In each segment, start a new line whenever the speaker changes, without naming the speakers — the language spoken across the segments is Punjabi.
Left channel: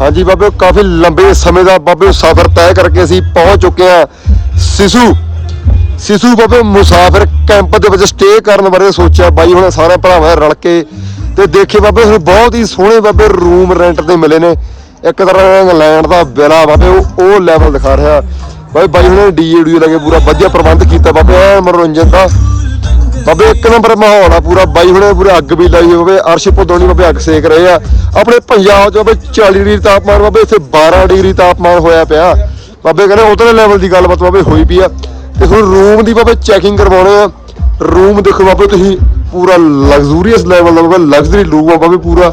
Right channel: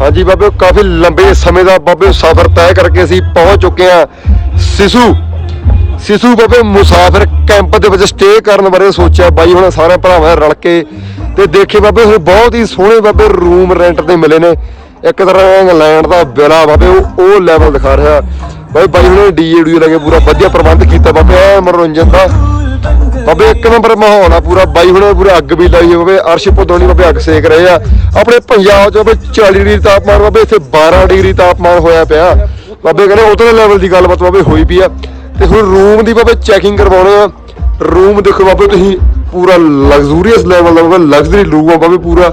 ਹਾਂਜੀ ਬਾਬੇ, ਕਾਫੀ ਲੰਬੇ ਸਮੇਂ ਦਾ ਬਾਬੇ ਸਫ਼ਰ ਤੈਅ ਕਰਕੇ ਅਸੀਂ ਪਹੁੰਚ ਚੁੱਕੇ ਹਾਂ। ਸਿਸੂ ਸਿਸੂ ਬਾਬੇ ਮੁਸਾਫਿਰ ਕੈਂਪ ਦੇ ਵਿੱਚ ਸਟੇ ਕਰਨ ਬਾਰੇ ਸੋਚਿਆ। ਬਾਈ ਹੁਣ ਸਾਰੇ ਭਰਾਵਾਂ ਰਲ ਕੇ ਤੇ ਦੇਖੇ ਬਾਬੇ, ਹੁਣ ਬਹੁਤ ਹੀ ਸੋਹਣੇ ਬਾਬੇ ਰੂਮ ਰੈਂਟ ਤੇ ਮਿਲੇ ਨੇ। ਇੱਕ ਤਰ੍ਹਾਂ ਇੰਗਲੈਂਡ ਦਾ ਵਿਲਾ ਬਾਬੇ, ਉਹ ਉਹ ਲੈਵਲ ਦਿਖਾ ਰਿਹਾ। ਬਾਈ ਬਾਈ ਹੁਣੇ ਡੀਜੇ ਕੇ ਪੂਰਾ ਵਧੀਆ ਪ੍ਰਬੰਧ ਕੀਤਾ ਬਾਬੇ ਐ ਮਨੋਰੰਜਨ ਦਾ। ਬਾਬੇ, ਇੱਕ ਨੰਬਰ ਮਾਹੌਲ ਆ ਪੂਰਾ, ਬਾਈ ਹੁਣੇ ਪੂਰੇ ਅੱਗ ਵੀ ਲਾਈ ਹੋਵੇ ਅਰਸ਼ ਪੁਦੋਣੀ ਬਾਬੇ ਅੱਗ ਸੇਕ ਰਹੇ ਆ। ਆਪਣੇ ਪੰਜਾਬ 'ਚ ਬਾਬੇ 40 ਡਿਗਰੀ ਤਾਪਮਾਨ, ਬਾਬੇ ਇੱਥੇ 12 ਡਿਗਰੀ ਤਾਪਮਾਨ ਹੋਇਆ ਪਿਆ। ਬਾਬੇ ਕਹਿੰਦੇ ਉਤਲੇ ਲੈਵਲ ਦੀ ਗੱਲਬਾਤ ਬਾਬੇ ਹੋਈ ਪਈ ਆ। ਤੇ ਹੁਣ ਰੂਮ ਦੀ ਬਾਬੇ ਚੈਕਿੰਗ ਕਰਵਾਉਣੇ ਆ। ਰੂਮ ਦੇਖੋ ਬਾਬੇ ਤੁਸੀਂ, ਪੂਰਾ ਲਗਜ਼ੂਰੀਅਸ ਲੈਵਲ ਦਾ ਬਾਬੇ ਲਗਜ਼ਰੀ ਰੂਮ ਆ ਬਾਬੇ ਪੂਰਾ।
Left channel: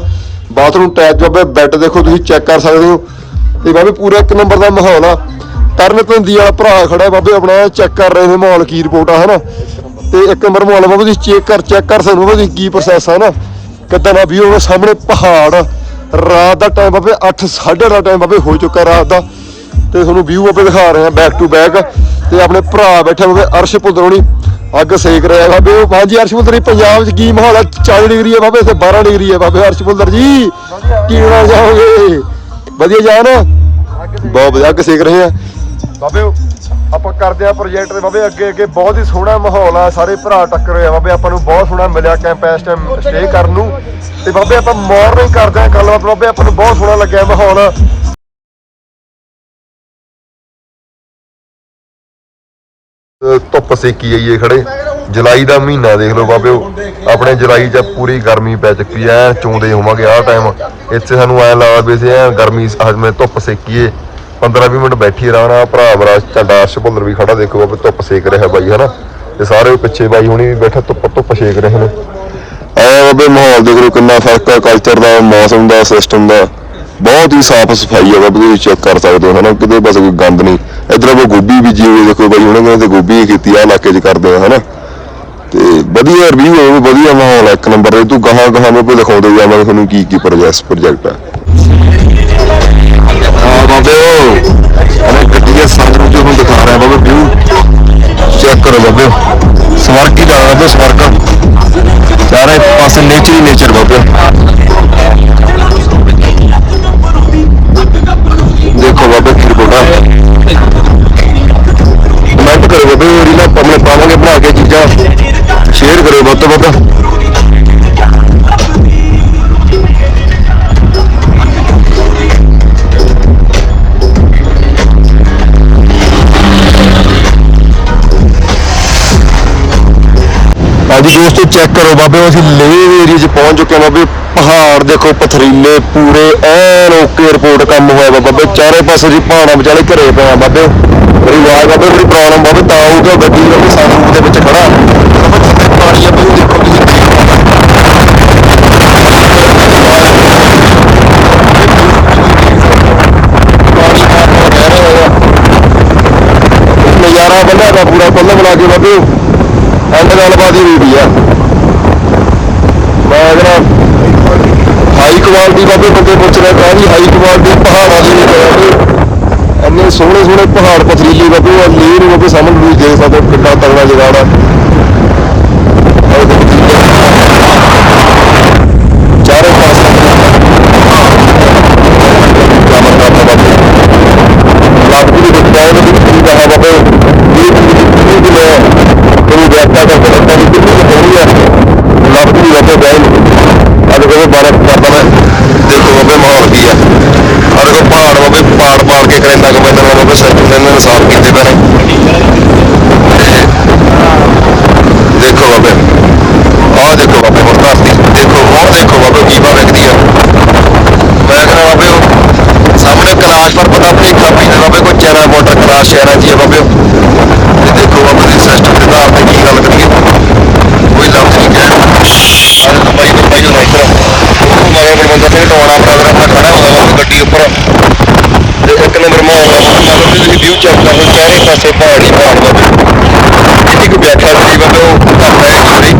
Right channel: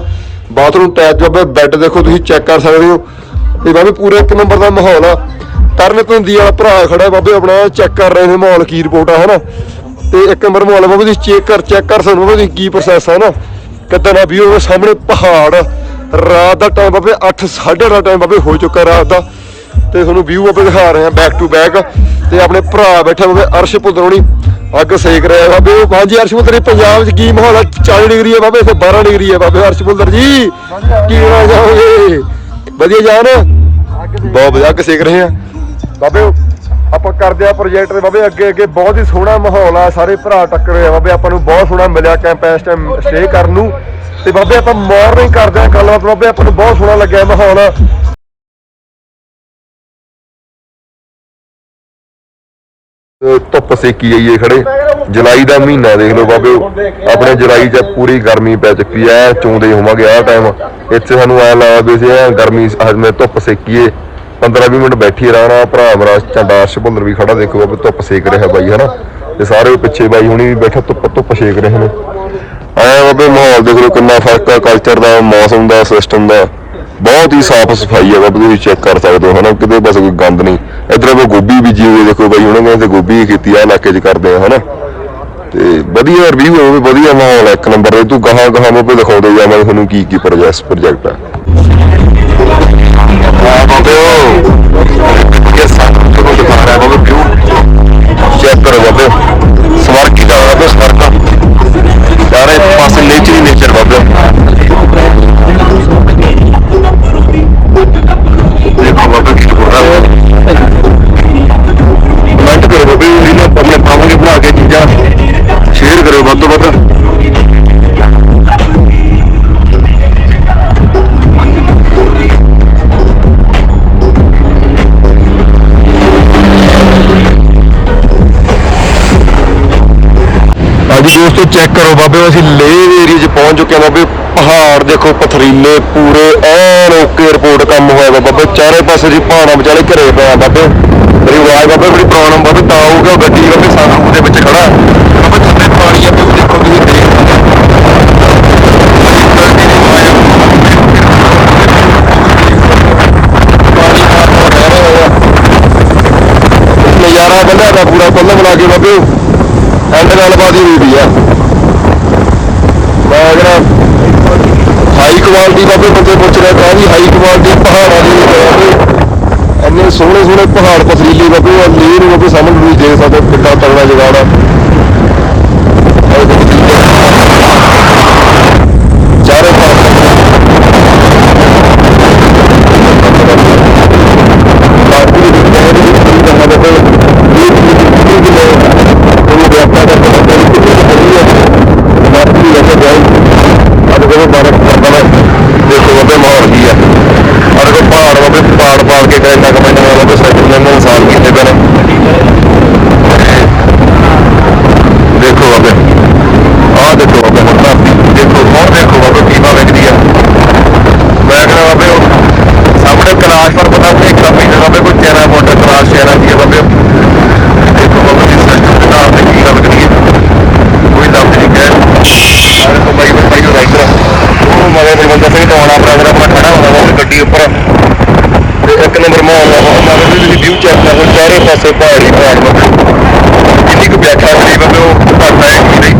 ਬਾਥਰੂਮ ਅਟੈਚ ਬਾਬੇ ਬੈੱਡ ਦੇਖੋ ਤੁਸੀਂ ਚੈੱਕ ਕਰ ਸਕਦੇ ਹੋ। ਤੇ ਬਾਬੇ ਪੂਰਾ ਇੱਕ ਨੰਬਰ ਦਾ ਮਾਹੌਲ ਆ। ਤਰਨ ਤੰਦੀ ਵਾਲਾ ਭਰਾ ਖੜਾ ਬਾਬੇ, ਆਪਣਾ ਚੈੱਕ ਕਰ ਰਹੇ ਨੇ ਮਾਹੌਲ, ਕੀ ਰਿਪੋਰਟ ਆ, ਹਨਾ? ਤੇ ਇੱਕ ਨੰਬਰ ਆ ਬਾਬੇ ਤੁਸੀਂ ਚੈੱਕ ਕਰ ਚੈੱਕ ਕਰ ਸਾਨੂੰ ਬਾਬੇ ਕੀ ਪ੍ਰੋਸੈਸ ਆ ਨਾ। ਕਿੱਦਾਂ ਦਾ ਵੀਊ ਸਾਹਮਣੇ ਪਹਾੜ ਰਾਤ ਦਾ ਟਾਈਮ ਬਾਬੇ 8 8:30 ਦਾ ਟਾਈਮ ਬਾਬੇ ਹੋ ਚੁੱਕਾ ਰਾਤ ਦਾ। ਤੇ ਤੁਹਾਨੂੰ ਵਿਊ ਬਾਬੇ ਦਿਖਾ ਰਹੇ ਆ ਬੈਕ ਟੂ ਬੈਕ ਤੇ ਆਪਣੇ ਭਰਾ ਬੈਠੇ ਬਾਬੇ ਅਰਸ਼ ਪੁੱਤਰੋਣੀ ਅੱਗ ਸੇਕ ਰਿਹਾ ਬਾਬੇ ਉਹ ਹਾਂਜੀ ਅਰਸ਼ ਪੁੱਤਰ ਜੀ ਪੰਜਾਬ 'ਚ ਕੀ ਮਾਹੌਲ ਆ? 40 ਡਿਗਰੀ ਹੈ ਬਾਬੇ ਇੱਥੇ 12 ਡਿਗਰੀ ਹੈ ਬਾਬੇ ਅਰਸ਼ ਪੁੱਤਰ ਜੀ। ਕੀ ਕਹਿਣਾ ਚਾਹੋਗੇ ਵਧੀਆ ਜਾਨ ਬਹੁਤ ਵਧੀਆ ਅੱਗ ਸੇਕ ਰਹੇ ਆ। ਬਾਬੇ ਆਪਾਂ ਕਰਦੇ ਆ ਪ੍ਰੋਜੈਕਟ ਦੇ ਬਾਬੇ ਅੱਗੇ ਅੱਗੇ ਬਹੁਤ ਹੀ ਸੋਹਣਾ ਮਾਹੌਲ ਆ ਸਾਰੇ ਭਰਾ ਟੱਕਰੇ ਆ ਬਾਬੇ ਆਪਾਂ ਨੂੰ ਬਹੁਤ ਸੋਹਣਾ ਮਿਲਿਆ ਕੈਂਪ ਇਸ ਟਾਈਮ ਸਟੇ ਕਰਨ ਨੂੰ। ਤੇ ਬਾਬੇ ਆਪਾਂ ਮਾਰਨਿੰਗ ਕਰਦੇ ਆ ਗੱਲਬਾਤ ਬਾਬੇ ਆਪਾਂ ਨੂੰ ਬਹੁਤ ਸੋਹਣਾ ਲੱਗਿਆ ਮਾਹੌਲ। ਅਹ ਧੁੱਪ ਸੇਕੀ ਜਾਈਏ ਖੜੇ। ਜੁਲਾਈ ਦਾ ਮਹੀਨਾ ਦੇਖ ਲਓ ਬਾਬਿਓ ਆਪਣੇ ਜੁਲਾਈ 'ਚ ਪੂਰੀ ਗਰਮੀ ਪੈ ਚੁੱਕੀ ਐ ਚੋਂਦੇ ਹੋਵਾਂਗੇ ਆਹ ਟਾਈਮ ਇੱਥੇ ਸਾਨੂੰ ਐ ਲੱਗਦਾ ਵੀ ਐਂ ਗਰਮੀ ਹਜਮੇ ਧੁੱਪ ਸੇਕੀਏ। 15-20 ਮਿੰਟ ਬੈਠੀ ਰਹਿਣਾ ਭਰਾ ਮੇਰਾ ਚੰਡਾਸ਼ ਭੁੱਲਰ ਵੀ ਖੜਾ ਦੇਖੋ ਬਾਬੇ ਧੁੱਪ ਸੇਕ ਰਿਹਾ ਬਾਈ ਹਨਾ? ਤੇ ਸਾਰੇ ਪਿੱਛੇ ਬਾਈ ਹੁਣੀ ਵੀ ਬੈਠੇ ਧੁੱਪ ਧੁੱਪ ਸੇਕ ਰਹੇ ਨੇ। ਐ ਬਾਬੇ ਮਾਹੌਲ ਦੇਖ ਲਓ ਕਿੰਨਾ ਫ਼ਰਕ ਆ ਕਲਚਰ ਦਾ ਮੌਸਮ ਦਾ ਸਿਸਟਮ ਦਾ। ਬਹੁਤ ਹੀ ਸਾਫ਼ ਸਫ਼ਾਈ ਆ ਬਾਬੇ ਤੁਸੀਂ ਚੈੱਕ ਕਰ ਸਕਦੇ ਹੋ ਹਨਾ? ਕਿਤੇ ਬਸ ਕੋਈ ਗੰਦ ਨਹੀਂ। ਇਧਰ ਆਪਾਂ ਗੋਭੀ ਬੀਜੀ ਹੋਈ ਦੇਖੋ ਬਾਈ ਹੁਣੇ ਕਹਿੰਦੇ ਤੇ ਗੋਭੀ ਕੀਤੀ ਆ ਇਲਾਕੇ 'ਚ ਕਰਦੇ ਆ ਹਨਾ? ਤੇ ਵਧੀਆ ਰਿਵਿਊ ਹੈ ਵੀ ਵਧੀਆ ਮਾਹੌਲ ਆ ਇੱਕ ਨੰਬਰ ਤੇ। ਤੂੰ ਗਾਹਾਂ ਗਾਹਾਂ ਬਾਬੇ ਦਿਖਾਉਂਦੇ ਜਾਵਾਂਗੇ ਤੁਹਾਨੂੰ ਕੀ ਕੀ ਪ੍ਰੋਜੈਕਟ ਪ੍ਰੋਜੈਕਟ ਆ। ਜੋ ਰਿਹਾ ਬਾਬੇ ਵਿਊ ਚੈੱਕ ਕਰੋ ਬਾਬੇ। ਸਵਰਗ ਹੀ ਦਾ ਬਾਬੇ, ਸਵਰਗ। ਚਾਰੇ ਪਾਸੇ ਨੇਚਰ ਹੀ ਨੇਚਰ ਬਾਬੇ। ਦੇਖੋ ਬਾਬੇ ਕੀ ਕੋੜਾ ਦੋਸਤੋ ਚੈੱਕ ਕਰੋ ਬਾਬੇ, ਅਸੀਂ ਲੇਹ ਏਰੀਆ 'ਚ ਪਹੁੰਚ ਚੁੱਕੇ ਹਾਂ ਬਾਬੇ। ਪਹਾੜ ਦੇਖੋ, ਪਥਰੀਲੇ ਪੂਰੇ, ਐਨ ਓਕੇ ਰਿਪੋਰਟ ਕੰਮ ਹੋਇਆ ਵਾ ਬਾਬੇ। ਚਾਰੇ ਪਾਸੇ ਜੀ ਪਹਾੜਾਂ ਵਿਚਾਲੇ ਘਰੇ ਪਿਆ ਬਾਬੇ। ਮੇਰੀ ਆਵਾਜ਼ ਬਾਬੇ ਬੜੀ ਪ੍ਰੋਬਲਮ ਬਾਬੇ, ਤਾਂ ਹੋ ਗੱਡੀ ਬਾਬੇ, ਸਾਨੂੰ ਦੇ ਵਿੱਚ ਖੜਾ। ਬਾਬੇ, ਥੱਲੇ ਪਾਣੀ ਪੂਰੀ ਨਜ਼ਾਰਾ ਬੰਦਾ ਦਾ ਪੂਰਾ ਪੱਲੇ ਬਣਾ ਕੇ ਬਾਬੇ। ਐਂਡ ਗੱਲਬਾਤ ਹੀ ਹੋਈ ਆ। ਮੈਂ ਅਗਰ ਹਾਈ ਕੁਆਲਿਟੀ ਦਾ ਵੀ ਬੰਦੇ ਪੁੱਛ ਰਿਹਾ ਤਾਂ ਵੀ ਹਾਈ ਕੁਆਲਿਟੀ ਪਹਾੜਾਂ ਦੇ ਵਿੱਚ ਬਾਬੇ ਸੋਹਣੇ ਸੋਹਣੇ ਪਹਾੜ ਪਥਰੀਲੇ ਬਾਬੇ ਆ ਲੀਰ ਬਾਬੇ ਸਾਹਮਣੇ ਤੁਸੀਂ ਦੇਖ ਸਕਦੇ ਹੋ ਕਿੰਨਾ ਤਗੜਾ ਜਗਾੜ ਆ ਆਹ ਦੇਖੋ ਜੀ। ਚਾਰੇ ਪਾਸੇ ਲਾਗੂ ਦੇ ਜਾਣ ਦੀ ਕਿੰਨੀ ਦਾ ਹੈ ਬਾਬੇ ਇਹ ਕਿੰਨੀ ਕਿੰਨੀ ਕੋਈ ਵਿਆਪਤਾ ਦਾ ਕਰਦਾ ਨਹੀਂ ਕਿੰਨੀ ਕੁ ਬਣੀ ਆ ਲਾਗੂ ਦੀ ਵਜ੍ਹਾ ਜਾਈ ਅੱਜ ਕੋਲ ਬਾਰੇ ਕਰਦਾ ਮੈਂ ਦੇਖੋ ਬਾਬੇ ਮਾਹੌਲ ਕੀ ਆ ਅੱਜ ਕੋਲ ਪਹਾੜ ਬਾਬੇ ਪਹਾੜ ਪਾੜ ਕੇ ਕਰੇਂਦਾ ਕਮੈਂਟਰ ਬਾਬੇ ਸੈਕਟਰ ਨੇ ਇਹਨਾਂ ਨੇ ਸਾਫ਼ ਕੀਤੇ ਪਏ ਨੇ ਤੇ ਦੇਖੋ ਬਾਬੇ ਆਹ ਦੇਖੋ ਬਾਬੇ ਹੁਣ ਧਰਤੀ ਦੇਖੋ ਹੁਣ ਦੇਖੋ ਬਾਬੇ ਕੀ ਬਾਤ ਵਿਕਦੀ ਆ ਮੈਂ ਕਹਿੰਦਾ ਬਾਬੇ ਉਹ ਸਾਹਮਣੇ ਕਲਾਸ਼ ਪਰ ਪਤਾ ਨਹੀਂ ਇੱਕ ਮਹੀਨੇ ਬਾਬੇ ਕੋਈ ਚੈਨਾ ਮੋਟਰ ਕਲਾਸ਼ ਸ਼ਹਿਰਾਂ ਦੀ ਹੈ ਬਾਬੇ ਇਹ ਦੇਖੋ ਬਾਬੇ ਦੀ ਸਿਸਟਮ ਦੇ ਨਾਲ ਤੇ ਕੀ ਗੱਲ ਕਰਨੀ ਕੋਈ ਲਫ਼ਜ਼ ਨਹੀਂ ਕਹਿਣ ਆਹ ਦੇਖੋ ਬਾਈ ਨੂੰ ਬਾਈ ਨੂੰ ਰਾਈਟਰ ਉਹ ਮਗਰ ਬਲਵੰਤ ਸਿੰਘ ਟਵਾਣਾ ਪ੍ਰੋਗਰਾਮ ਮੈਂ ਖੜਾ ਹੁੰਦਾ ਬਾਬੇ ਗੱਡੀ ਉੱਪਰ ਤੇ ਇੱਕ ਨੰਬਰ ਮਾਹੌਲ ਦਾ ਬਾਬੇ ਮਗਰ ਵੀ ਤੁਸੀਂ ਵਿਊ ਚੈੱਕ ਕਰ ਲਓ ਚਾਰੇ ਪਾਸੇ ਪਹਾੜੀ ਪਹਾੜ ਬਾਬੇ ਕਿੰਨੀ ਕੁ ਵਿਆਖਿਆ ਕਰੀ ਬਾਬੇ ਉਹ ਕਰਦਾ ਹੈ ਜੂਰੀ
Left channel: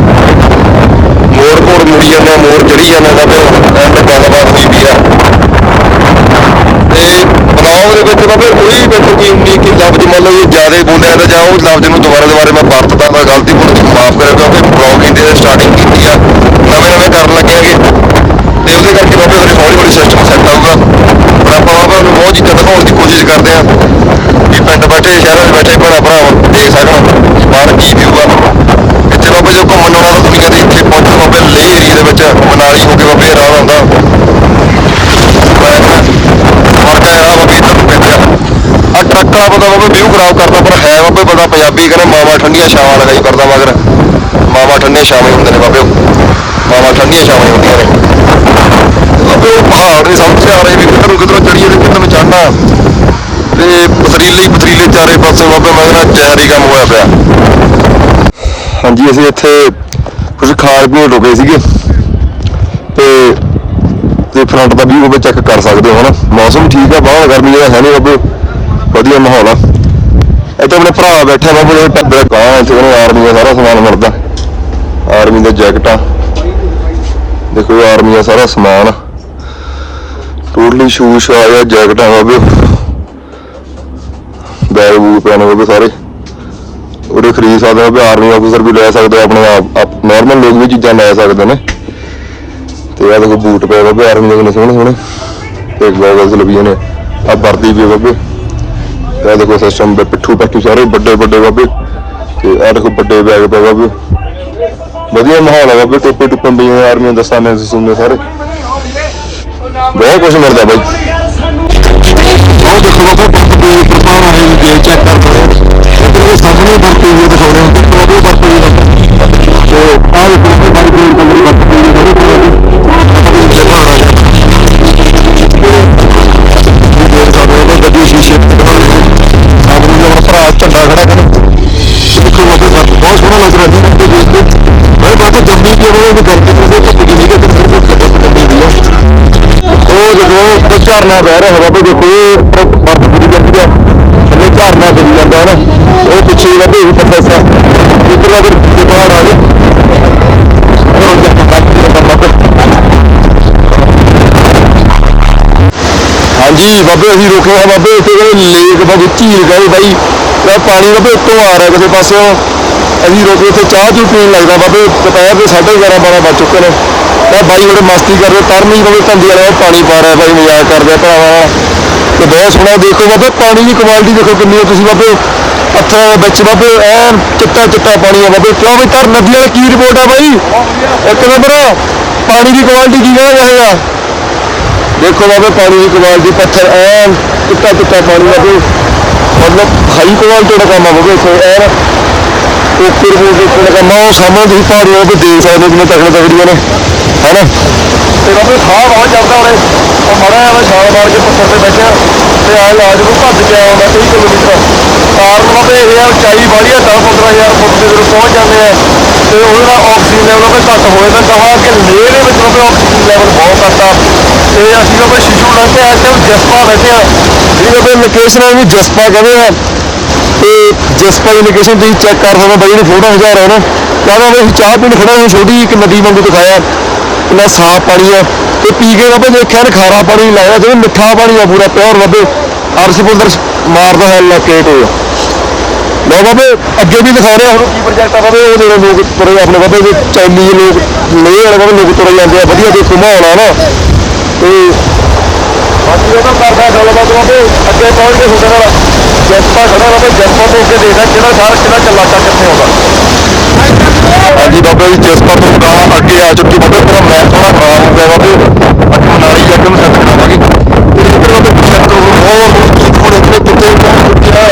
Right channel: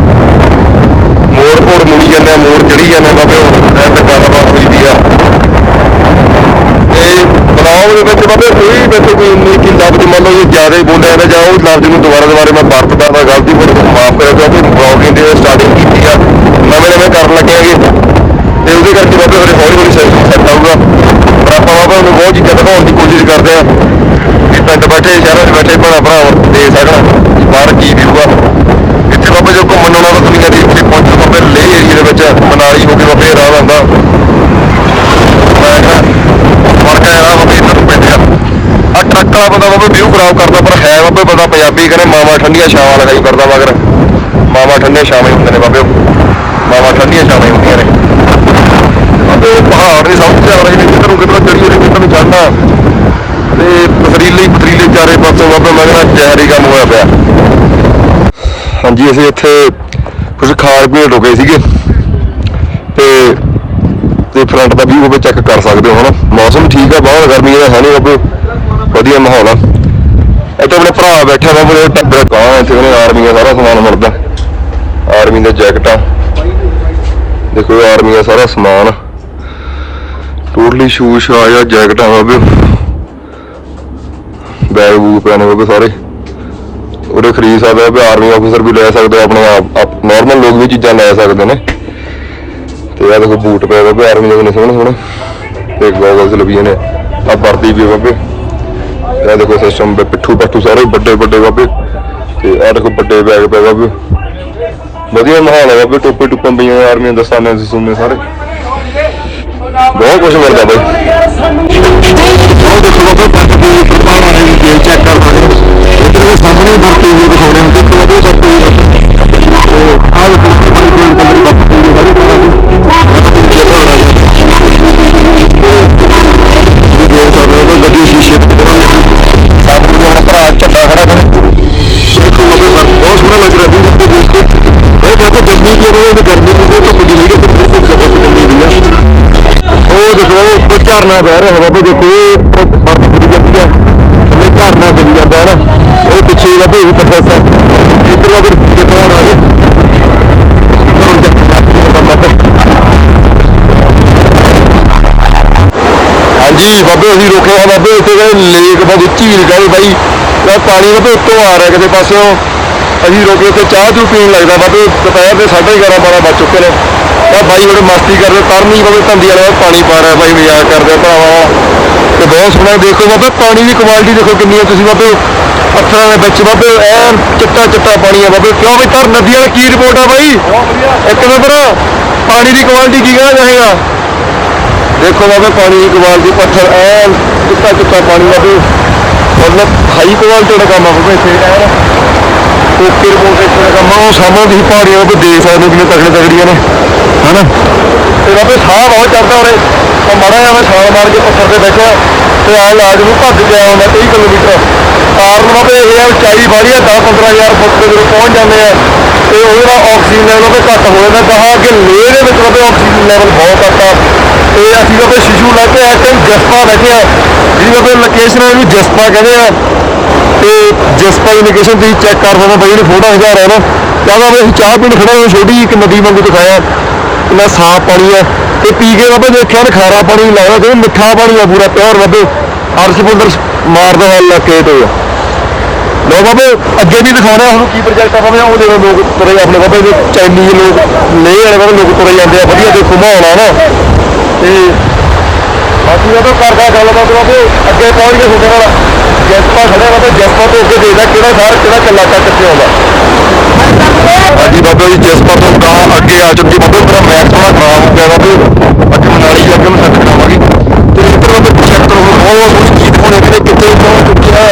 ਮੋੜ ਕੋੜ ਮੁੜੀ ਜਾਂਦੇ ਆ ਮੋੜ ਚੜੀ ਜਾਂਦੇ ਆ ਬਾਬੇ ਹੁਣ ਐਂਡ ਗੱਲਬਾਤ ਹੋਈ ਵੀ ਆ ਤੇ ਬਲੌਗ ਬਾਬੇ ਕੋਈ ਵਿੱਚ ਕੋਈ ਇੰਨੀ ਕਿ ਲਫ਼ਜ਼ ਮੰਨ ਲਓ ਜੇ ਜ਼ਿਆਦਾ ਬੋਲਿਆ ਤਾਂ ਜਾਂ ਉਹ ਲਫ਼ਜ਼ ਨੂੰ ਦੁਬਾਰਾ ਦੁਬਾਰਾ ਮੈਂ ਵਰਤਦਾ ਤਾਂ ਗਲਤੀ ਬੋਲ ਕੇ ਮਾਫ ਕਰਿਓ ਕਿਉਂਕਿ ਬਲੌਗਿੰਗ ਦੀ ਸਟਾਰਟਿੰਗ ਕੀਤੀ ਆ, ਨਵੇਂ ਨਵੇਂ ਕਰਨ ਲੱਗਿਆਗੇ ਤੇ ਉਹਦੇ ਕਰਕੇ ਬਾਬੇ ਹੌਲੀ ਹੌਲੀ ਸਿਸਟਮ ਸੈੱਟ ਆਊਗਾ। ਪਰ ਬਹੁਤ ਚੀਜ਼ਾਂ ਦਿਖਾਉਣ ਦੀ ਕੋਸ਼ਿਸ਼ ਕਰਦੇ ਆ ਵੀ ਪਿੰਡ ਬੈਠੇ, ਸ਼ਹਿਰਾਂ 'ਚ ਬੈਠੇ ਭਰਾ ਭਰਾ ਦੇਖ ਸਕਣ ਵੀ ਬਾਹਰ ਕੀ ਵਿਊ ਆ ਇੱਥੇ ਬਾਬੇ ਜੋ ਘੁੰਮਣ ਆਉਣਾ ਤਾਂ ਦੁਨੀਆ ਦੇ ਇੱਥੇ ਪਹੁੰਚੋ ਬਾਬੇ ਲੇਹ ਏਰੀਏ ਦੇ ਵਿੱਚ ਮਨਾਲੀ ਹੋ ਕੇ ਬਾਬੇ ਰਾਹ ਆਉਂਦਾ ਮੈਂ ਫ਼ਰਕ ਹੈ ਆ ਬਾਬੇ ਇੱਧਰ ਨੂੰ ਪੈਂਦਾ ਆ ਟਰੱਕ ਵਾਲਾ ਬੰਦਾ ਬਾਬੇ ਵਿਊ ਖਰਾਬ ਕਰਦਾ, ਪਰ ਹੈ ਬਾਬੇ ਬੰਦਾ ਪੰਜਾਬੀ ਕਹਿੰਦੇ ਮਾਵਾ ਠੰਡੀਆਂ ਛਾਵਾਂ ਲਗਾਈ ਕਰਦਾ ਮਗਰ ਮਾਵਾ ਠੰਡੀਆਂ ਛਾਵਾਂ ਹੁੰਦੇ ਨੇ ਬਾਬੇ। ਮਾਵਾ ਠੰਡੀਆਂ ਛਾਵਾਂ ਹੁੰਦੀਆਂ ਨੇ। ਬਾਬੇ ਪਹਾੜ ਨਹੀਂ ਸਮਝ ਆ ਰਹੀ ਵੀ ਕਿੱਧਰ ਨੂੰ ਚੜੀਏ ਤੇ ਕਿੱਧਰ ਚੜਨਾ ਤੇ ਪਥਰੀਲੇ ਪਥਰੀਲੇ ਚਾਰੇ ਪਾਸੇ ਬਾਬੇ, ਮੈਂ ਕਹਿੰਦਾ ਜ਼ਹਿਰੀ ਕੰਮ ਹੋਇਆ ਪਿਆ। ਹਾਂਜੀ, ਅਸੀਂ ਇੱਥੇ ਕੁਝ ਖਾਣ ਪੀਣ ਰੁਕੇ ਸੀਗੇ। ਤੇ ਤੇ ਫਰੰਟ ਦਾ ਵੀ ਉਹ ਚੈੱਕ ਕਰ ਸਕਦੇ ਹੋ, ਹਨਾ? ਮੌਸਮ ਠੀਕ ਆ, ਬਾਹਰ ਗਰਮੀ ਹੈ ਨਹੀਂ ਬਾਬੇ। ਵਧੀਆ ਮਾਹੌਲ ਆ। ਇੱਥੇ ਆਪਣੇ ਭਰਾ ਬੈਠਾ ਬਾਬੇ ਜਿਹੜੇ ਟੱਬਰ ਕਾਂ ਇੱਥੇ ਕਹਿੰਦੇ ਆਰਮੀ ਦਾ ਸਾਰਾ ਸਮਾਨ ਮਿਲਦਾ। ਆਰਮੀ ਦਾ ਜੈਕਟਾਂ। ਦੇਖੋ ਆਰਮੀ ਦਾ ਸਾਰਾ ਸਮਾਨ ਟੋਟਲੀ ਸ਼ੂਜ਼ ਆ ਜੈਕਟਾਂ ਬਾਬੇ ਬੈਗ ਬੂਗ ਪੈਣੇ ਬਾਬੇ ਸਾਰੇ। ਉਹਦੇ ਖਰੀਦ ਸਕਦੇ ਆ ਆਰਮੀ ਆਫੀਸਰ ਵੀ ਲੈ ਸਕਦੇ ਆਪਣੇ ਆਪ ਨਾਰਮਲ ਲੋਕ ਵੀ ਚੀਜ਼ਾਂ ਲੈ ਸਕਦੇ ਨੇ। ਤੇ ਆ ਦੇਖੋ ਬੂਟ ਪਏ ਬਾਬੇ ਆਰਮੀ ਦੇ ਕਿੰਨੇ ਸੋਹਣੇ ਸੋਹਣੇ ਤੇ ਗੋਗਲਸ ਲੱਗੀਆਂ ਨੇ। ਆ ਵਰਦੀ ਵੀ ਬਾਬੇ ਤੇ ਦੇਖੋ ਸਿਸਟਮ ਦੇ ਪਿੱਠੂ ਪੱਠੂ ਸਾਰੇ ਵੱਡੇ ਵੱਡੇ ਬਾਬੇ। ਤੇ ਆ ਦੇਖੋ ਵੱਡੇ ਬੈਗ ਪਏ ਬਾਬੇ। ਵਧੀਆ ਮਾਹੌਲ ਆ ਬਾਬੇ ਟੋਪੇ ਟੁੱਪੇ ਪਈਆਂ ਆਰਮੀ ਦਸਤਾਨੇ ਸਿਸਟਮ ਸਾਰੇ। ਬਹੁਤ ਕੁਝ ਮਿਲਦਾ ਬਾਈ। ਉਹ ਦੇਖੋ ਬਾਬੇ, ਬੰਦ ਦੇ ਪ੍ਰਪਾਰ ਹੈ ਜੇ ਚੈੱਕ ਕਰ ਸਕਦੇ ਇੱਧਰ ਦੇ ਸਾਹਮਣੇ ਵਰਤੇ ਹੋਏ ਦਿਖਾਉਣੇ ਹੁੰਦੇ। ਬਾਬੇ ਵਰਤੇ ਤੇ ਆਹ ਦੇਖੋ ਬਾਈ ਕੋਈ ਕੋਈ ਵਰਤੇ ਹੋਏ ਸਾਰੇ ਝਰਨਾ ਬਹਿ ਰਿਹਾ ਬਾਬੇ, ਦੇਖੋ ਉਹ ਬਰਫ਼ ਪੂਰੀ ਜਾਂਦੀ ਆ। ਥੱਲੇ ਝਰਨਾ ਪਈ ਜਾਂਦਾ ਨਾ ਉਹ ਪਿੱਛੇ ਬਾਬੇ ਵੀ ਪੱਥਰ ਸਾ। ਇੱਧਰ ਬਾਬੇ ਦੇਖੋ ਆ ਰਾਜ ਹਾਂਜੀ, ਬਾਬੇ, ਅਸੀਂ ਰੁਕੇ ਆ ਬਾਬੇ। ਇੱਥੇ ਕਹਿੰਦੇ ਲੇਕ ਬਾਬੇ, ਝੀਲ ਕਹਿੰਦੇ ਬਾਈ। ਇਹ ਪਾਣੀ ਬਾਬੇ ਉੱਤੋਂ ਆ ਰਿਹਾ ਕਿਸੇ ਪਾਸਿਓਂ। ਅਸੀਂ ਰੋਕੇ ਇੱਥੇ ਚਾਹ ਚੂ ਪੀਣ ਲੱਗਦਾ ਬਾਬੇ। ਦੁਪਹਿਰ ਦੇ 11:30 12 ਵੱਜ ਚੁੱਕੇ ਨੇ। ਤਾਂ ਬਾਈ ਬੜੇ ਮਸਤੀ ਕਰਦੇ, ਤਰਨੀ ਬਾਬੇ ਧੰਦੀ ਵਾਲਾ ਪਾਣੀ ਪਾ ਰਿਹਾ ਬਾਈ, ਮਜ਼ਾਕ ਕਰਦੇ ਭਰਾਵਾ ਤੇ ਬਹੁਤ ਸੋਹਣਾ ਦੇਖੋ ਬਾਬੇ, ਪਾਣੀ ਦੀ ਕੁਆਲਿਟੀ ਦੇਖੋ ਕਿੰਨੀ ਹੈ ਤੁਸੀਂ ਬਾਬੇ। ਪੱਥਰਾਂ ਦੇ ਵਿੱਚ ਬਾਬੇ, ਐਨ ਚਿੱਟਾ ਚਿੱਟਾ ਪਾਣੀ ਆ ਬਾਬੇ। ਕਿਉਂ ਵੀ ਤਰ ਨਦੀ ਵਾਲੀ ਕੀ ਰਿਪੋਰਟ ਆ ਬਾਈ? ਇੱਕ ਨੰਬਰ ਪਾਣੀ ਦੀ ਕੁਆਲਿਟੀ ਕੀ ਕਹਿਣਾ ਚਾਹੇਗਾ ਦੇਖੋ ਬਾਬੇ, ਪਾਣੀ ਦੀ ਕੁਆਲਿਟੀ ਪੱਥਰ, ਐਨ ਚਿੱਟਾ ਚਿੱਟਾ ਪਾਣੀ ਬਾਬੇ। ਮਤਲਬ ਹਾਈ ਕੁਆਲਿਟੀ ਦਾ ਕੰਮ ਆ ਬਾਬੇ ਇੱਥੇ, ਐਨ ਓਕੇ ਰਿਪੋਰਟ ਦੇ ਕੰਮ ਆ। ਉਹ ਸਾਹਮਣੇ ਤੁਸੀਂ ਪਹਾੜੀਆਂ ਬਾਬੇ ਦੇਖ ਸਕਦੇ ਹੋ ਕਿੰਨੇ ਤਕੜੇ ਤਕੜੀਆਂ ਨੇ। ਹੈਨਾ ਤੇ ਬਾਬੇ ਸਾਹ ਬਹੁਤ ਚੜਦਾ ਉਰੇ। ਉਹ ਮੜਾ ਐਵੇਂ ਛਾਲ ਮਾਰ ਕੇ ਪੱਥਰ ਤੇ ਬੈਠਿਆ ਤੇ ਐ ਲਾਜ ਨੂੰ ਭੱਜ ਕੇ ਆਇਆ ਹੁੰਦਾ 30 ਕਿਲੋਮੀਟਰ। ਕਾਰਨ ਬਾਬੇ ਇਹ ਆ, ਉਚਾਈ ਵਾਲੀ ਆ 10 15000 ਫੁੱਟ ਤੇ ਜਦੋਂ ਪਹੁੰਚ ਜਾਂਦੇ ਆ ਤੇ ਉਹਦੇ ਨਾਲ ਆਕਸੀਜਨ ਲੈਵਲ ਬਾਬੇ ਘੱਟ ਹੋ ਜਾਂਦਾ। ਗਾਹਾਂ ਕਿ ਲੇਹ ਦੇ ਵਿੱਚ ਬਾਬੇ ਆਕਸੀਜਨ ਲੈਵਲ ਬਹੁਤ ਘੱਟ ਆ। ਤੇ ਅਸੀਂ ਬਾਬੇ ਸ਼ਿਸ਼ੂ ਲੈ ਕੇ ਇਸ ਟਾਈਮ ਜਸਪਾ ਬੈਠੇ ਆ। ਜਿਹਦੇ ਬਾਬੇ ਲੋਕੇਸ਼ਨ ਇਹਨੂੰ ਜਸਪਾ ਕਹਿੰਦੇ ਆ। ਤੇ ਜਸਪਾ ਦੀ ਲੋਕੇਸ਼ਨ ਤੁਸੀਂ ਚੈੱਕ ਕਰ ਸਕਦੇ ਬਾਈ ਨੇ ਫੋਟੋ ਹਜ਼ਾਰ ਰਿਹਾ ਨਾ। ਕਹਿੰਦਾ ਵੀ ਅਸੀਂ ਚਾਹ ਪੀਣ ਖੜੇ ਹਾਂ ਛੋਟੀ ਜਿਹੀ ਇੱਕ ਨਦੀ ਵਾਂਗੂ ਦਿਖਾਇਆ। ਕਿੰਨਾ ਸਾਫ਼ ਪਾਣੀ ਆ ਤੇ ਪੀ ਕੇ ਬਾਬੇ ਦੇਖਿਆ ਨਾ ਖਾਰਾ ਪਾਣੀ ਨਹੀਂ ਲੱਗਦਾ ਜਿਵੇਂ ਮਿੱਠਾ ਪਾਣੀ ਆ ਪੂਰਾ, ਪਿਓਰ ਬਾਬੇ। ਅਰਸ਼ਪੁੰਦਰ ਮਾਰਦਾ ਹੈ, ਲਕੇਟ ਹੋਇਆ। ਲੋ ਬਾਬੇ, ਅੱਗੇ ਵੀ ਦਿਖਾਣਾ ਹੁਣ ਕੀ ਪ੍ਰੋਜੈਕਟ ਆ ਬਾਬੇ, ਉਹ ਦੇਖੋ ਲੋਕ ਤੁਰੇ ਆਪਣੇ ਬਾਬੇ ਦੇ ਚਾਈਨੀਜ਼ ਲੋਕ, ਲੇਹ ਵਾਲੇ ਬਾਬੇ ਲੋਕ ਤੁਰੇ ਜਾਂਦੇ ਆ, ਵਧੀਆ ਦੇਖੋ ਮਾਹੌਲ ਆ ਨਾ। ਤੇ ਬਾਕੀ ਉਹ ਤਾਂ ਕਰਦਾ ਗੱਲਬਾਤ ਬਾਬੇ, ਅੱਗੇ ਪਹੁੰਚ ਕੇ ਤੁਹਾਡੇ ਨਾਲ। ਜੈਸਪਾ ਖੜਾ ਬਾਬੇ, ਜੈਸਪਾ ਤੋਂ ਅੱਗੇ ਦੇਖਦਾ ਕਿਹੜਾ ਸ਼ਹਿਰ ਕਿਹੜਾ ਚੱਲਾਕਾ ਕਿੱਥੇ ਆਉਂਦਾ। ਹਾਂਜੀ ਬਾਬੇ ਜੀ ਜੈਸਪਾ ਤੋਂ ਗਾਂ ਅੱਗੇ ਆ ਚੁੱਕੀ ਬਾਬੇ ਤੇਰਾ ਮੈਪ ਥੋੜਾ ਖਰਾਬ ਹੋ ਗਿਆ ਬਾਬੇ ਅੱਜ ਮਨਾਲੀ ਜਾ ਕੇ ਮੈਂ ਸੱਚ ਕਰਾਵਾਂਗੇ। ਤੇ ਇੱਧਰ ਬਾਬੇ ਚੈੱਕ ਕਰੋ ਬਹੁਤ ਬਹੁਤ ਹੋਣੇ ਕਿ ਕਿੱਥੇ ਪਹੁੰਚ ਚੁੱਕਿਆ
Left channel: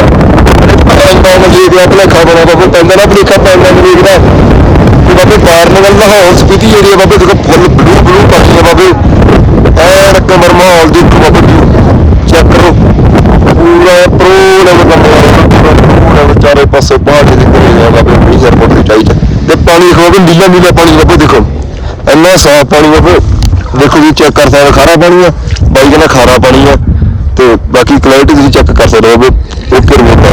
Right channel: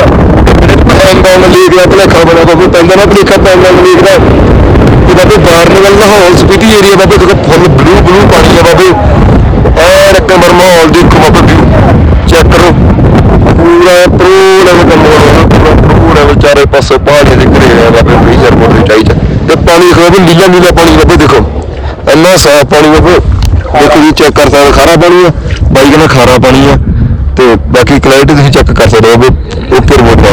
ਪੈਂਦਾ ਲੀਗ ਦਾ ਭਲੇਖਾ ਬਣਿਆ ਬਾਬੇ ਪੈਂਦਾ ਨਾ ਭਲੇਖਾ ਪੈਂਦਾ ਲੀਗ ਦਾ ਤੇ ਬਾਬੇ ਬਾਰਨਗਲ ਲਾਹੌਰ ਸਪੀਤੀ ਏਰੀਆ ਬਾਬੇ, ਦੇਖੋ ਫੁੱਲ ਬਲੂ ਬਲੂ ਪਾਣੀ ਆ ਬਾਬੇ। ਐ ਰਕਮਰ ਮਾਹੌਲ ਦੇਖੋ ਬਾਬੇ ਵਿਊ ਚੈੱਕ ਕਰੋ। ਪੂਰਾ ਪ੍ਰੋ ਲੈਵਲ ਦਾ ਮਾਹੌਲ ਪੂਰਾ ਵਿਚਾਰੇ ਪਾਸੇ ਪਹਾੜੀ ਤੇ ਪਾਣੀ ਨੀਲਾ ਨੀਲਾ ਪਾਣੀ ਬਾਬੇ ਦੇਖੋ। ਇੰਨਾ ਸਾਫ਼ ਪਾਣੀ ਬਾਬੇ ਦੇਖੋ ਜੀ ਚੈੱਕ ਕਰ ਸਕਦੇ ਖਾਰਾ ਪਾਣੀ ਆ। ਬਾਈ ਕਹਿੰਦਾ ਖਾਰਾ ਪਾਣੀ ਆ। ਤੇ ਬਾਕੀ ਕਲੈਰਿਟੀ ਤੁਸੀਂ ਚੈੱਕ ਕਰ ਸਕਦੇ ਹੋ ਬਾਬੇ ਓਕੇ ਰਿਪੋਰਟ ਆ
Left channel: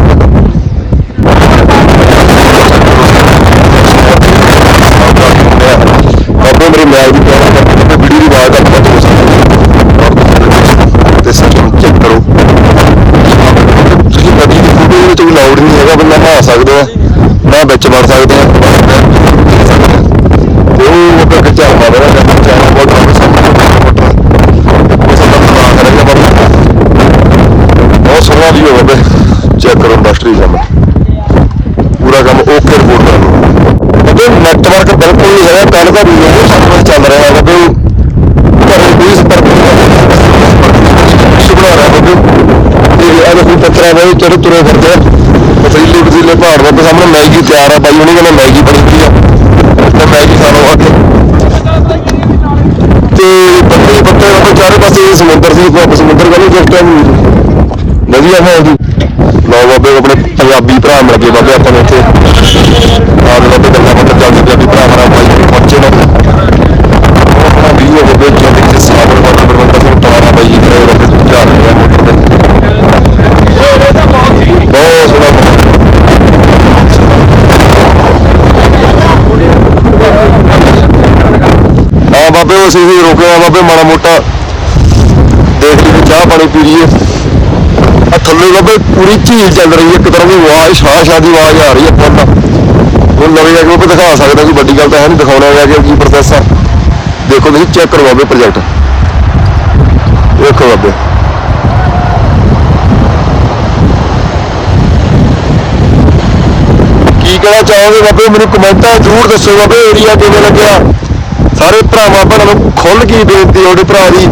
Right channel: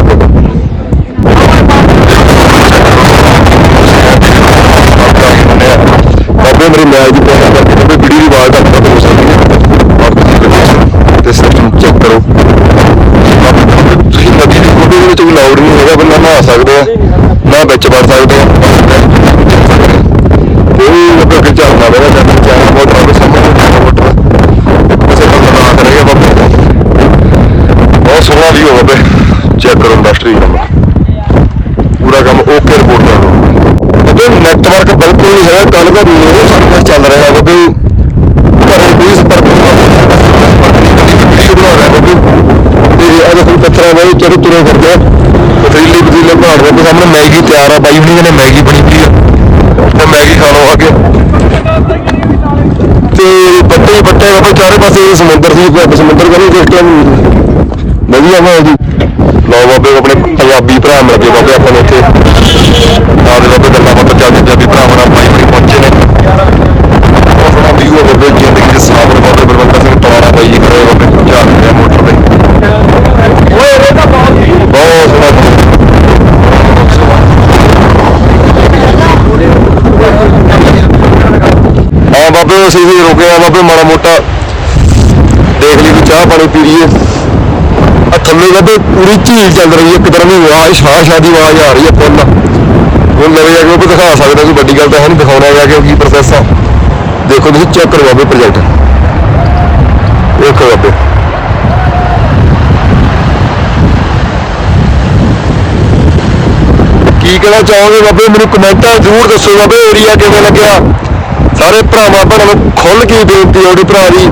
ਬਾਬੇ, ਮੇਰੇ ਮੈਚ ਦੀ ਪਲਾਨ ਕਰਕੇ ਬਾਬੇ, ਵੀਡੀਓ ਦੀ ਆਵਾਜ਼ ਘੱਟ ਵੱਧ ਹੋ ਸਕਦੀ ਹੈ ਔਰ ਤੁਸੀਂ ਲੋਕੇਸ਼ਨ ਤੇ ਸਿਸਟਮ ਚੈੱਕ ਕਰੋ। ਤੁਸੀਂ ਨਦੀ ਦੀ ਫੋਟੋ ਵਿੱਚ ਵੀ ਲਾਉਡ ਨਹੀਂ ਹੈਗਾ, ਬੰਦਾ ਨਹਾ ਸਕਦੇ ਆ, ਨਾ ਵਿੱਚ ਵੜ ਸਕਦੇ ਆ ਉਹ ਬਾਬੇ ਕਿ ਚੱਲਦਾ ਮੇਰਾ ਜੱਟ ਚਾਹ ਬਹੁਤ ਬਾਬੇ ਸਾਹਮਣੇ ਮੋਟਰ ਇੱਕ ਪਾਸੇ ਬੰਦਾ ਲਾ ਕਰੇਗਾ ਬਾਬੇ ਸਹੀ ਕੰਮ ਪੂਰਾ ਕੰਮ ਓਕੇ ਰਿਪੋਰਟ ਕਰ ਲਓ ਤੇ ਨੈਟਵਰਕ ਬਿਲਕੁਲ ਨਹੀਂ ਹੈ ਕੱਲ ਦਾ ਮੇਰੇ ਚੱਲ ਰਿਹਾ ਹੈ ਕਿ ਘਰੇ ਕੋਈ ਸੰਪਰਕ ਨਹੀਂ ਬਣਾ ਰਿਹਾ ਬੱਬੂ ਤੇ ਅੱਜ ਅਸੀਂ ਪੱਤਰਾਂ ਦੇ ਚੜੇ ਤੁਰੇ ਫਿਰਦੇ ਆ ਪਤੀਲੇ ਪਤੀਲੇ ਪਹਾੜ ਦੇ ਸਾਹਮਣੇ ਮੈਗੀ ਤਿਆਰ ਆ ਬਾਈ ਹੁਣੀ ਕਹਿੰਦੇ ਮੈਗੀ ਬਣੀ ਪਈ ਆ। ਤੇ ਮੈਗੀ ਖਾ ਲਓ ਅੱਗੇ ਤੇ ਬੱਤੇ ਬੱਤੇ ਬਾਬੇ ਚਾਰੇ ਪਾਸੇ ਸਮੁੰਦਰ ਸੀ ਸਮੁੰਦਰ ਕਹਿੰਦੇ ਜਿਸ ਟਾਈਮ? ਵਧੀਆ ਮਾਹੌਲ ਜੀ ਲਓ ਬਾਬੇ, ਆਪਣੇ ਪੰਜਾਬੀ ਭਰਾ ਮਿਲ ਗਏ ਬਾਬੇ ਆਪਾਂ ਨੇ ਇੱਥੇ। ਨਾਲ ਦੇ ਬਾਬੇ ਗੱਲਾਂ ਬਾਤਾਂ ਚੱਲਦੀ ਪੰਜਾਬੀ ਭਰਾ ਮਰਾ ਬਾਈ ਜੀ ਪਹੁੰਚੇ ਨੇ ਬਹੁਤ ਸੋਹਣਾ ਵਿਊ ਹੈ ਬਾਬੇ ਜ਼ਿੰਦਗੀ ਦੇ ਸਾਗਰ ਬਾਬੇ ਬਰਵੰਤਰ ਸਿੰਘ ਤਵਾਰਾ ਬਾਈ ਜੀ ਖੜੇ ਬਾਬੇ ਜਾ ਰਹੇ ਆ ਮੋਟਰ ਤੇ ਬਹੁਤ ਸੋਹਣਾ ਬਹੁਤ ਸੋਹਣਾ ਹਾਂ ਬਾਬੇ ਅਸੀਂ ਵੀ ਰੁਕੇ ਆ ਬਾਬੇ, ਮਾੜਾ ਮੋਟਾ। ਦੇਖ ਲਈ ਚਾਹ ਪਾਣੀ ਪੀ ਲਈਏ। ਆ ਥੱਲੇ ਬਾਬੇ, ਪੂਰੀ ਝੀਲ ਚੱਲ ਰਹੀ ਹੈ। ਇੱਕ ਤਰ੍ਹਾਂ ਦੀ ਆਵਾਜ਼ ਸ਼ਾਹ ਸ਼ਾਹ ਦੀ ਆਵਾਜ਼ ਆ ਰਹੀ ਹੈ ਫੁੱਲ। ਹੁਣ ਨਵੇਂ ਜਾ ਕੇ ਉਹ ਦਿਖਾ ਸਕਦੇ ਕੋਈ ਵੱਡੀ ਗੱਲ ਤਾਂ ਹੈ ਨਹੀਂ ਦਿਖਾਉਣਾ ਜਾ ਕੇ ਕੀ ਪ੍ਰੋਸੈਸ ਆ। ਦੇਖੋ, ਤੁਸੀਂ ਚੈੱਕ ਕਰੋ ਬਾਬੇ ਪ੍ਰੋਜੈਕਟ ਦੇਖੋ ਬਾਬੇ। ਕੀ ਕਹਿਣਾ ਚਾਹੋਗੇ ਬਾਬੇ? ਮੈਨੂੰ ਕਮੈਂਟਾਂ ਜ਼ਰੂਰ ਦੱਸੋ ਬਾਬੇ ਏਰੀਆ ਕਿਵੇਂ ਲੱਗਿਆ? ਸਾਰੇ ਭਰਾਵਾਂ ਭੈਣਾਂ ਨੂੰ ਖੁੱਲ ਕੇ ਬੇਨਤੀ ਹੈ ਭਰਾ ਦੀ।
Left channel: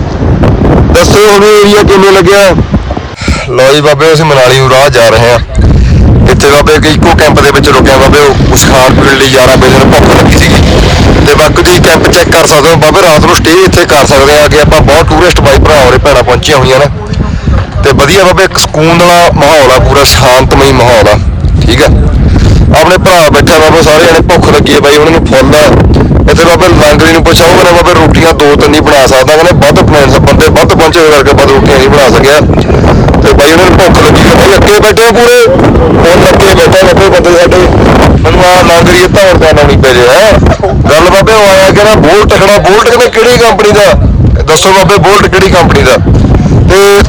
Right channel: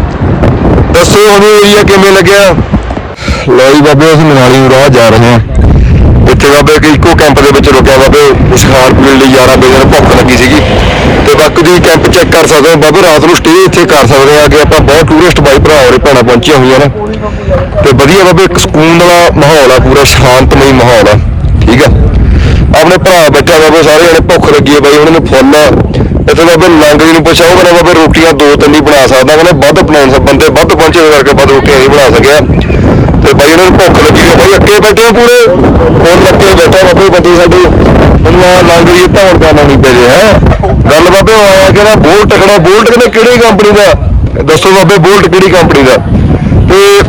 ਦੱਸੋ ਹੁਣ ਏਰੀਆ ਕਿਵੇਂ ਲੱਗਿਆ? ਲਓ ਜੀ ਬਾਬੇ, ਅਸੀਂ ਮਨਾਲੀ ਨੂੰ ਰਾਹ ਜਾ ਰਹੇ ਹਾਂ। ਇੱਥੇ ਬਾਬੇ ਕਿ ਇੱਕੋ ਕੈਂਪ ਦੇ ਵਿੱਚ ਰੁਕਿਆ ਬਾਬੇ, ਉਹ ਖਾਣ ਪੀਣ ਲਈ 11 ਵਜੇ ਨੂੰ ਭੁੱਖ ਲੱਗੀ ਸੀਗੀ। ਤੇ ਬਾਕੀ ਤੁਸੀਂ ਕੈਂਪ ਚੈੱਕ ਕਰ ਸਕਦੇ ਹੋ ਬਾਬੇ, ਰਾਤ ਨੂੰ ਸਟੇ ਇੱਥੇ ਕਰ ਸਕਦੇ ਆ ਅੱਗੇ ਆਪਾਂ ਬਹੁਤ ਟੂਰਿਸਟ ਬਾਈ ਭਰਾ ਹੋਰੇ ਭੈਣਾਂ ਪਹੁੰਚੀਆਂ ਹੋਈਆਂ ਨਾ। ਤੇ ਵਧੀਆ ਬਾਬੇ, ਇੱਕ ਸਕੂਨ ਵਾਲਾ ਮਾਹੌਲ ਆ, ਪੂਰਾ ਸ਼ਾਂਤਮਈ ਮਾਹੌਲ ਆ। ਠੀਕ ਆ? ਆਪਣੇ ਭਰਾ ਬੈਠਾ ਬਾਬੇ, ਸਾਰੇ ਜਣੇ ਭੁੱਖ ਲੱਗੀ ਹੈ ਬਾਈ, ਉਹਨਾਂ ਨੂੰ ਫੁੱਲ ਇੱਥੇ ਬਾਬੇ ਲਾਂਗੜੀ ਨੂੰ ਪੁੱਛਿਆ, ਉਹ ਕਹਿੰਦਾ ਬਾਬੇ ਰੋਟੀਆਂ ਦੋ ਤਿੰਨ ਹੀ ਬਣਾ ਸਕਦਾ। ਕਹਿੰਦਾ ਵੱਧ ਬਣਾਉਣ ਸਭ ਬੰਦੇ ਵੱਧ ਪਹੁੰਚੇ ਕਰਕੇ ਵੱਧ ਰੋਟੀਆਂ ਨਹੀਂ ਬਣਾ ਸਕਿਆ। ਤੇ ਬਾਈ ਉਹਨਾਂ ਨੂੰ ਭੁੱਖ ਲੱਗੀ ਤੇ ਬਾਈ ਅੱਕੇ ਬੈਠੇ ਪੂਰੇ। ਫੋਨ ਲੱਗੇ ਬੈਠਾ ਬਾਬੇ ਬੰਦੇ ਸਾਡੇ। ਬੰਦਾ ਲਾਂਗੜੀ ਧੌਣ ਜਾਣਾ ਨਹੀਂ ਪੈ ਰਿਹਾ। ਗੱਲ ਬਾਬੇ ਉਹ ਆਇਆ ਕਹਿੰਦਾ ਬੋਲਟ ਖੜਾ, ਬੋਲਟ ਕਹਿੰਦੇ ਕਿਹੜੀ ਕੰਪਨੀ ਦਾ? ਦੱਸੋ ਬਾਬੇ ਬੋਲਟ ਕਿਹੜੀ ਕੰਪਨੀ ਦਾ? ਤੇ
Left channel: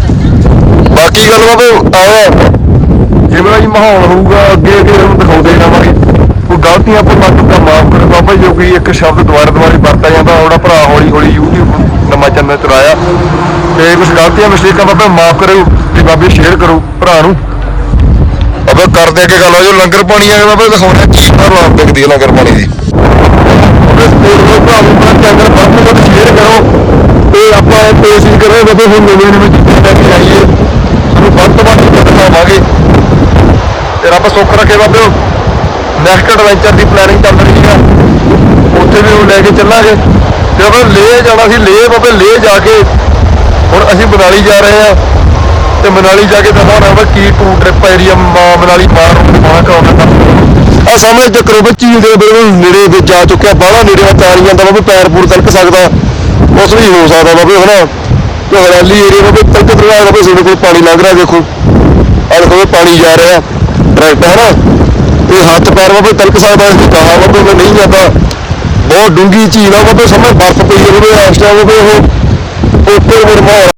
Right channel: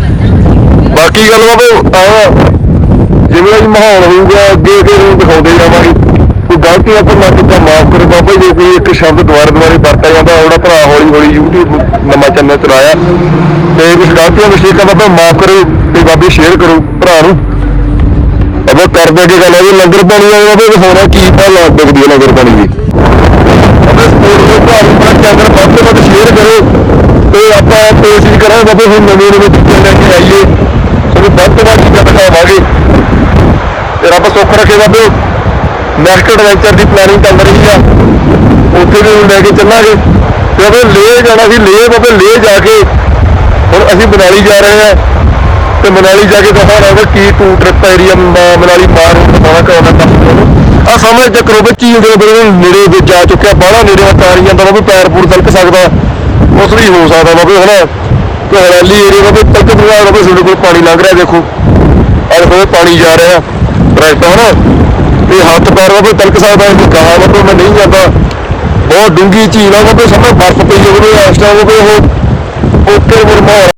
ਬਾਕੀ ਗੱਲ ਬਾਬੇ ਆਇਆ। ਜਿਵੇਂ ਦਾ ਜੀ ਮਾਹੌਲ ਹੋਊਗਾ, ਅੱਗੇ ਅੱਗੇ ਤੁਹਾਨੂੰ ਦਿਖਾਉਂਦੇ ਜਾਵਾਂਗੇ। ਗਲਤੀਆਂ ਪਰ ਨਾ ਤਾਂ ਮਾਫ ਕਰੋ ਬਾਬਾ ਜੀ, ਜੋ ਕਿ ਇੱਕ ਸ਼ਬਦ ਦੁਬਾਰਾ ਦੁਬਾਰਾ ਵਰਤਿਆ ਜਾਂਦਾ ਉਹਦਾ ਭਰਾ ਹੌਲੀ ਹੌਲੀ YouTube ਨਵਾਂ ਚੈਨਲ ਚਲਾਇਆ। ਤੇ ਕੁਝ ਗਲਤੀਆਂ ਮਿਸਟੇਕਾਂ ਬਾਬਾ ਮਾਫ ਕਰਿਓ ਤੇ ਬਾਬੇ ਸ਼ੇਅਰ ਕਰੋ ਭਰਾ ਨੂੰ। ਬਾਬਾ ਕਰਦੇ ਅੱਗੇ ਗੱਲ ਹੋ ਜੋ ਲੰਗਰ ਪਾਣੀ ਆ ਬਾਬਾ ਦਿਖਾਉਣਾ ਕੀ ਭਾਅ ਲੱਗਦੀ ਹੈ ਲੰਗਰ ਪਾਣੀ ਦੀ। ਬਾਬੇ ਸਪੋਰਟ ਨੂੰ ਭਰਾ ਨੂੰ ਆਪਣਾ ਚੈਨਲ ਵੱਧ ਤੋਂ ਵੱਧ ਸ਼ੇਅਰ ਕਰੋ। ਤੇ ਆਪਾਂ ਕੋਸ਼ਿਸ਼ ਕਰਾਂਗੇ ਬਾਬੇ ਹੁਣ ਨਵੇਂ ਨਵੇਂ ਚੀਜ਼ਾਂ ਲੈ ਕੇ ਆਈਏ। ਸਾਨੂੰ ਵੱਧ ਤੋਂ ਵੱਧ ਚੀਜ਼ਾਂ ਦਿਖਾਵਾਂਗੇ। ਤੇ ਰੱਬ ਸੁੱਖ ਰੱਖੇ ਬਾਬੇ ਨੈਕਸਟ ਐਡਵੈਂਚਰ ਦੀ ਪਲੈਨਿੰਗ ਚੱਲ ਰਹੀ ਆ। ਉੱਥੇ ਵੀ ਹੁਣ ਲੈ ਕੇ ਚੱਲਾਂਗੇ। ਤੇ ਆਪਾਂ ਲੇ ਜਾਣਾ ਸੀ, ਲੇ ਬਾਬੇ, ਲੇ ਜਾ ਕੇ। ਹੁਣ ਅਸੀਂ ਮਨਾਲੀ ਜਾ ਰਹੇ ਆ। ਤੇ ਮਨਾਲੀ ਜਾ ਕੇ ਦਿਖਾਉਣਾ ਵਾ ਕੀ ਟੂ ਟ੍ਰਿਪ ਏਰੀਆ ਮਨਾਲੀ ਮਾਰ ਨੂੰ ਦਿਖਾਉਣਾ ਕਰਾਉਣਾ ਤਾਂ ਆ ਸਾਹਮਣੇ ਚੱਕਰੋ ਵਿੱਚ ਝੀਲ ਦੇ ਬਿਲਕੁਲ ਨੇੜੇ ਵਿੱਚ ਜਾ ਚੁੱਕਿਆ। ਬਾਹਲਾ ਨੇੜੇ ਵਾ ਤਾਰ ਜਾਂਦਾ ਬਾਬੇ, ਪੈਰ ਪੂਰ ਤਲਕ ਸਕਦਾ। ਉਸ ਵੀ ਹੋ ਸਕਦਾ ਬਾਬੇ, ਹਨਾ? ਕਿ ਹਰਿਆਲੀ ਏਰੀਆ ਬਾਬੇ ਤਲਕ ਦਰਿਆ ਬਾਬੇ ਸਾਡੇ ਕੋਲ ਪਾਣੀ ਲੰਘ ਰਿਹਾ ਦੇਖੋ ਆ ਦੇਖੋ ਪਾਣੀ ਜਾ ਰਿਹਾ। ਰਾਈਟ ਹਨਾ? ਇਹ ਹੱਥ ਪੈਰ ਬਾਬੇ ਤਲਕ ਸਕਦਾ ਇਸ ਕਹਾ ਬਾਬੇ ਮੈਂ ਨਹੀਂ ਜਾਂਦਾ। ਬਹੁਤ ਡੂੰਗੀ ਝੀਲ ਆ ਬਾਬੇ ਸਮੇਂ ਬਰਫ਼ ਪਈ ਹੋਵੇ ਇਸ ਟਾਈਮ ਉਹ ਉੱਤੇ ਮੇਰੇ ਮਾਹੌਲ